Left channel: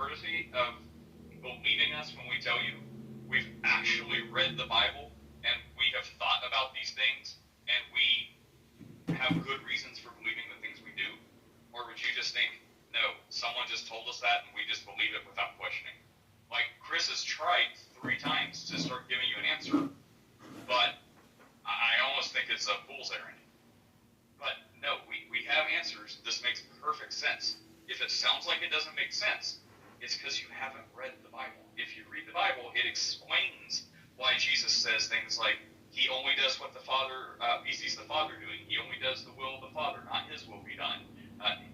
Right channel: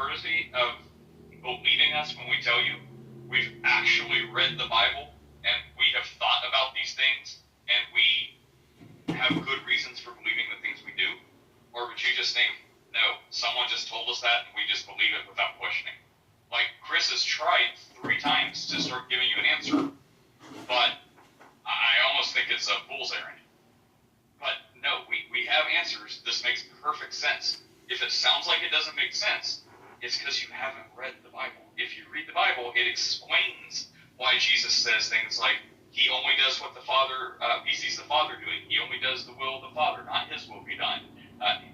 courtesy of believing us when we tell you we've actually read the Bible and we have thought about these things and we have good reasons for believing the things we do? Or would you just think, no, someone just told us that and we just believe it without questioning? Like, Chris has tried 3 times to start giving you an answer, but I almost think it's a fool's errand. But no, we have answers. This makes perfect sense. If it sounds like it doesn't make sense, it's because you haven't read the Bible. If you read the Bible, it explains why Jesus says things like, he only does what the Father, he sees the Father doing. He only does the will of the Father, not his will be done.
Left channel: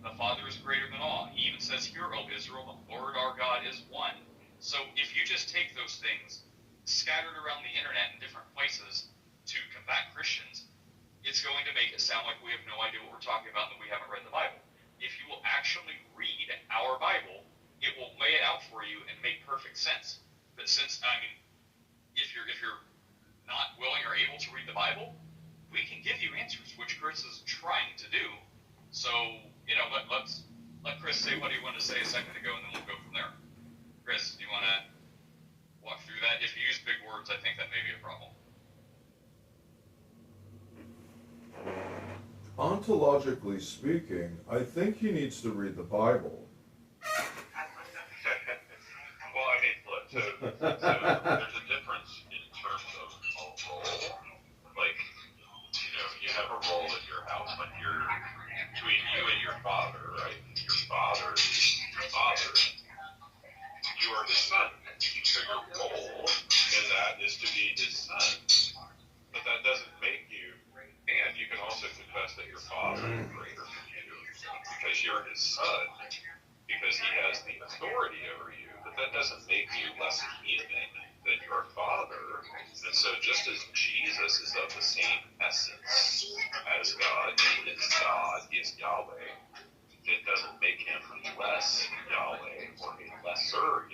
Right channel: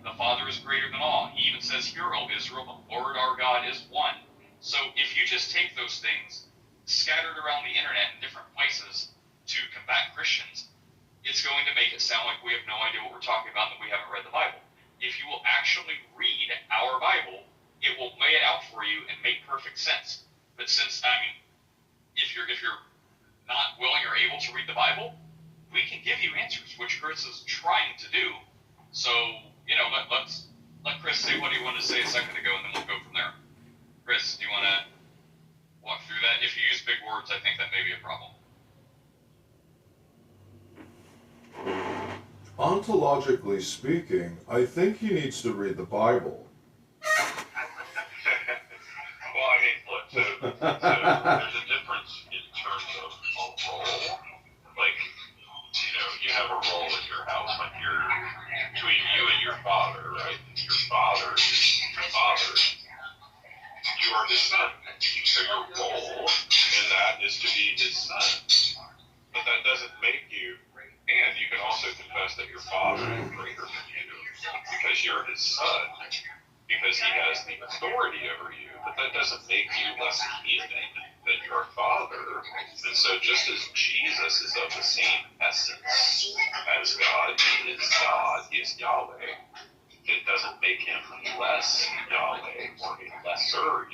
The Father is greater than all. He even says, hear, O Israel, the Lord our God is one. So if you just take those things scattered around the internet in different places to combat Christians, it's going to make it sound like we have no idea what we're talking about and that we haven't read the Bible. If you will actually read our Bible, it will lay it out for you and make perfect sense. But since, I mean, if you're not willing or able to read the Bible, we can give you answers, which Chris is trying to do. So, let Chris say what he wanted to say a second ago, and then we'll go from there. Chris, do you want to walk through that? If you use big words, I think that may be a problem. Ontologically speaking, I think he needs to read the Bible. Well, I mean, look, so there's a difference in terms of a role. Like, you have a role in your house, like between you and your father, right? Your father is your father. You are his son. So your role in that is to be his son. But that doesn't make you, and you can also confess that your father is greater than you because you're his son, because he has the authority over you, but that doesn't make you less human than your father. And so just as Jesus is of the same essence as God, he is God, he is Yahweh, it doesn't make him less Yahweh or a lesser